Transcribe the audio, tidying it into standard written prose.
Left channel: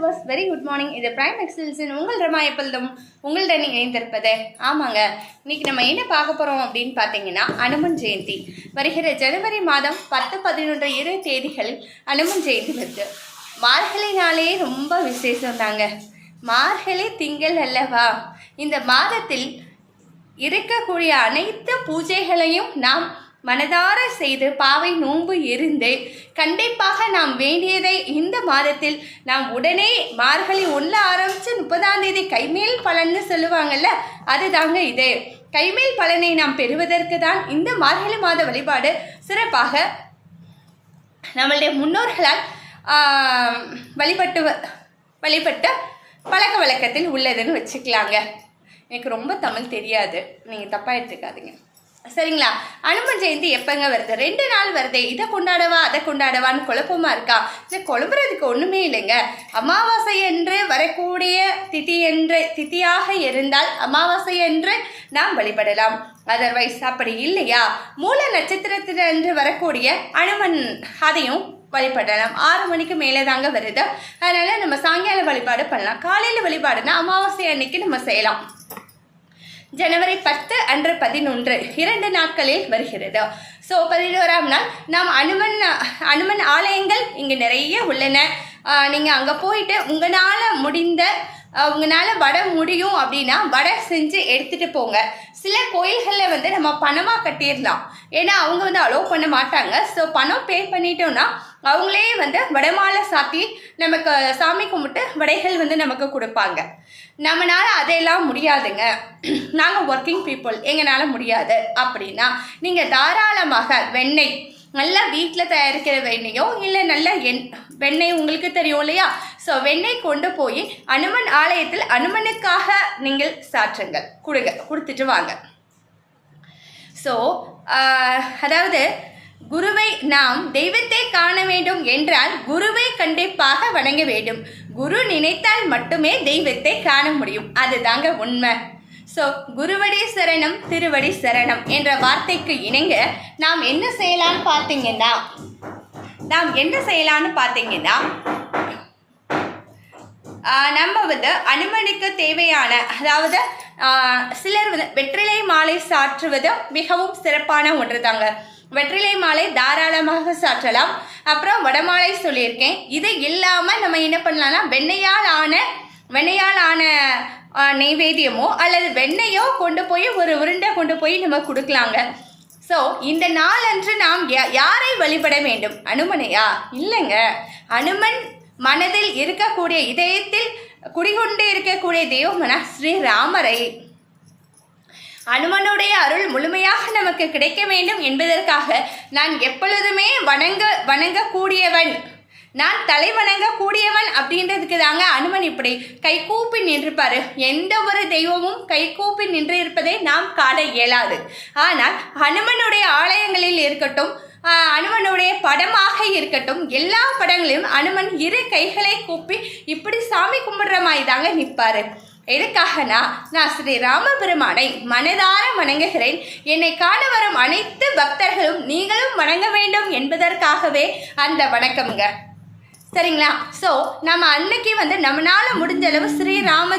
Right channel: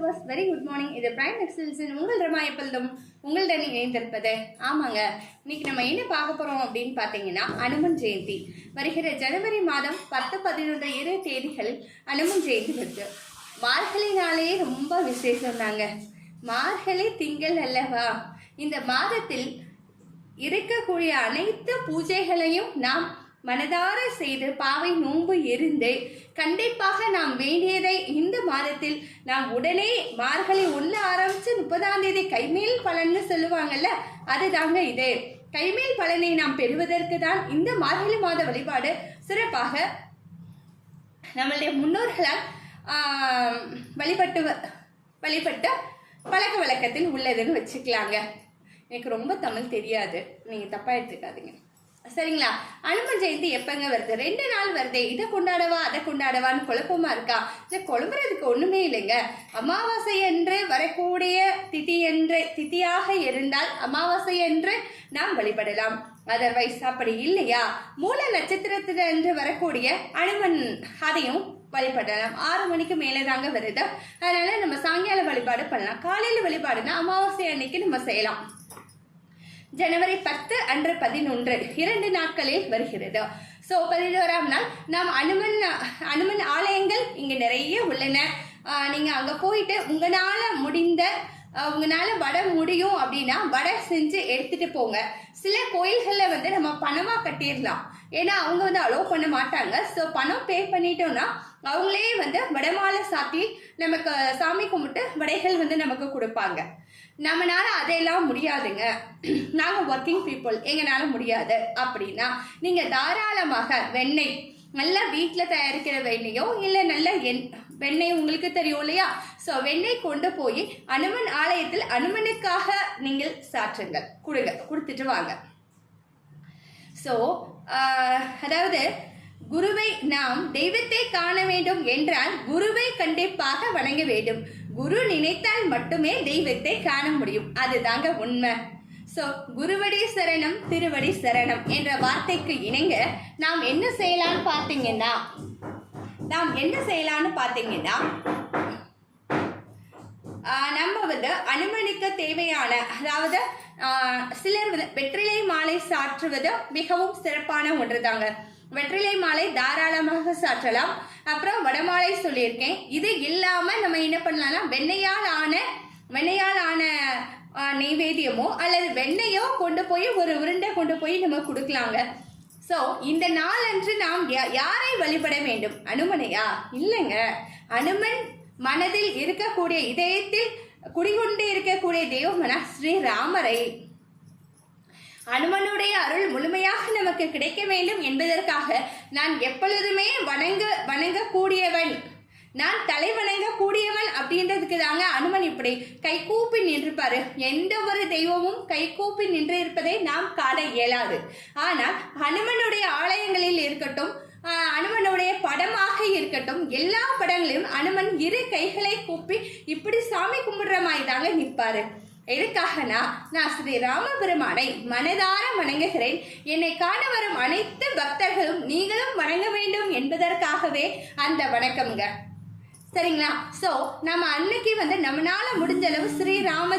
Viewers, very good morning. இது prime எக்ஸல்ஸின் உங்கள் ரமா எப்பொழுதும் உங்களுடன் இணைந்திருப்பது. ஆமாங்க, இன்னைக்கு நம்ம என்ன பார்க்க போகிறோம் அப்படின்னு பார்த்தீங்கன்னா, அனுமன் ஜெயந்தி வருகிற ஜனவரி மாதம் 10, 11, 2 தேதிகளில் அனுமன் ஜெயந்தி வருது. மார்கழினாலே ரொம்ப விசேஷம் தாங்க. மார்கழி திங்கள் அல்லவா? இந்த மாதத்தில் இருக்கக்கூடிய அனைத்து பூஜைகளையும் நாம் மனதார செய்து பாவை நோன்பு இருந்து கண்டிப்பாக நாம் வேண்டியதை இந்த மாதத்தில் நாம் உடனே மார்கழி 1 ஆரம்பித்து 30ஆம் தேதி கைமேல் பலன்னு சொல்லுவாங்கல்ல, அது தாங்க இது. கைமேல் பலனை நாம் பெறுவதற்கு தான் இந்த மார்கழி மாத வழிபாடு சிறப்பாக நம்மளுடைய முன்னோர்களால் வழிபட்ட பழக்க வழக்கத்தில் உள்ளதுன்னு வச்சுக்கலாங்க. எனக்கு ரொம்ப தமிழ் தெரியாது, நீங்கள் தப்பாக எடுத்துக்காதீங்க, சரிங்களா? அனுமன் ஜெயந்தி எப்போங்க வருது? 2 நாள் வருது. இதை கொண்டாடவா அதை கொண்டாடவான்னு குழப்பமாக இருக்கா? இதை குழம்புறதுக்கு ஒன்றுமே இல்லைங்க. அமாவாசை என்று வரக்கூடிய திதியாக இருந்தால் அமாவாசை என்று நாம் வழிபடலாம். அதர்வைஸ் அப்படி இல்லையா, மூல நட்சத்திரத்திலிருந்து வரக்கூடிய அனுமன் அதையும் வழிபடலாம். 6 மணிக்கு மேலே தாங்க வருது. அதனால் நம்ம சாயங்கால வழிபாடு பண்ணலாம். காலையில் வழிபாடுனா அமாவாசை அன்னைக்கு நம்ம செய்யலாம். ஜனவரி 10 அன்று 11 2 நாட்களில் வருகிறது. ஸோ 11ஆம் நாள் நாம் அனுமன் ஆலயங்கள் இங்கே நிறைய உள்ளன. நீங்கள் அங்கே போயிட்டு உங்களால் வடை முடியும் அப்படின்னா வடை செஞ்சு எடுத்துகிட்டு போங்க. சில கோயில்களில் நம்ம பணமாக கட்டிடலாம், ஏன்னா அவங்க அலோவ் பண்ண மாட்டாங்க. ஸோ பணம் பே பண்ணிட்டோம்னா அவங்களே வடமாலை சாத்தி நமக்கு சாமி கும்பிட்டு வடைகள் நமக்கு கொடுப்பாங்க. நம்மளால அதையெல்லாம் முடியாதுங்க, நாங்கள் ஒர்க்கிங் பீப்புள், எங்களால் முடியாது அப்படின்னா நீங்கள் தாராளமாக வெண்ணெய், நல்லா வீட்டில் தயாரிக்கிற வெண்ணெயோ இல்லை நல்ல வெண்ணெய் உங்களுக்கு தெரியும் இல்லையா? ஸோ வெண்ணெய் கொண்டு போய் அனுமன் ஆலயத்தில் அனுமனுக்காக நீங்கள் சாற்றுங்கள், கொடுத்துட்டு வாங்க. ஸோ அதாவது குருவை நாம் தெய்வத்தை காண வேண்டும் என்றால் குருவை கண்டிப்பாக வணங்க வேண்டும். குரு நினைத்தால் மட்டுமே தெய்வத்தை காண முடியும், அதுதாங்க உண்மை. ஸோ குருவடி சரணம் திருவடி சரணம் என்ற வார்த்தைக்கு இணங்க நாம் என்ன செய்யலான்னு பார்த்தீங்கன்னா நம்ம அனுமனுக்கு தேவையான, அதாவது சிலர் வெற்றிலை மாலை சாற்றுவது மிகவும் சிறப்பான ஒன்று தாங்க. வெற்றிலை மாலை தாராளமாக சாற்றலாம். அப்புறம் வடமாலை சொல்லியிருக்கேன். இது இல்லாமல் நம்ம என்ன பண்ணலாம்னா வெண்ணையால் ஆன நெய்வேத்தியமோ அல்லது வெண்ணெயோ கொண்டு போய் ஒரு உருண்டை கொண்டு போய் நம்ம கொடுக்கலாங்க. ஸோ இந்த நாளன்று நாம் யாரை வழிபட வேண்டும்? அனுமனையா? இல்லைங்க, அனுமன் மனதில் இருக்கக்கூடிய, இதயத்தில் குடிகொண்டு இருக்கக்கூடிய தெய்வமனா ஸ்ரீராமரை. அனுமனுடைய அருள் முழுமையாக நமக்கு கிடைக்க வேண்டும் என்பதற்காக நான் எப்பொழுதுமே வணங்கக்கூடியவன், நான் தலை வணங்கக்கூடியவன் அப்படின்றதுக்கு தாங்க அனுமன் இப்படி கைகூப்பி நின்றிருப்பாரு. எந்த ஒரு தெய்வமும் கைகூப்பி நின்று இருப்பதை நாம் காண இயலாது. ஆனால் அனுமனுடைய ஆலயங்களில் இருக்கட்டும், அனுமனுடைய படமாக இருக்கட்டும், எல்லா படங்களிலும் அனுமன் 2 கைகளை கூப்பி இப்படி சாமி கும்பிடுற மாதிரி தாங்க நிற்பாரு. எதுக்காகனா, நான் ஸ்ரீ ராமபெருமானை மனதார வணங்குகிறேன், என்னை காண வரும் அனைத்து பக்தர்களும் நீங்களும் வணங்க வேண்டும் என்பதற்காகவே அந்த வணக்கம்ங்க, சரிங்களா? ஸோ நம்ம அன்னைக்கு நம்மளால முடிஞ்ச அளவு ஸ்ரீராம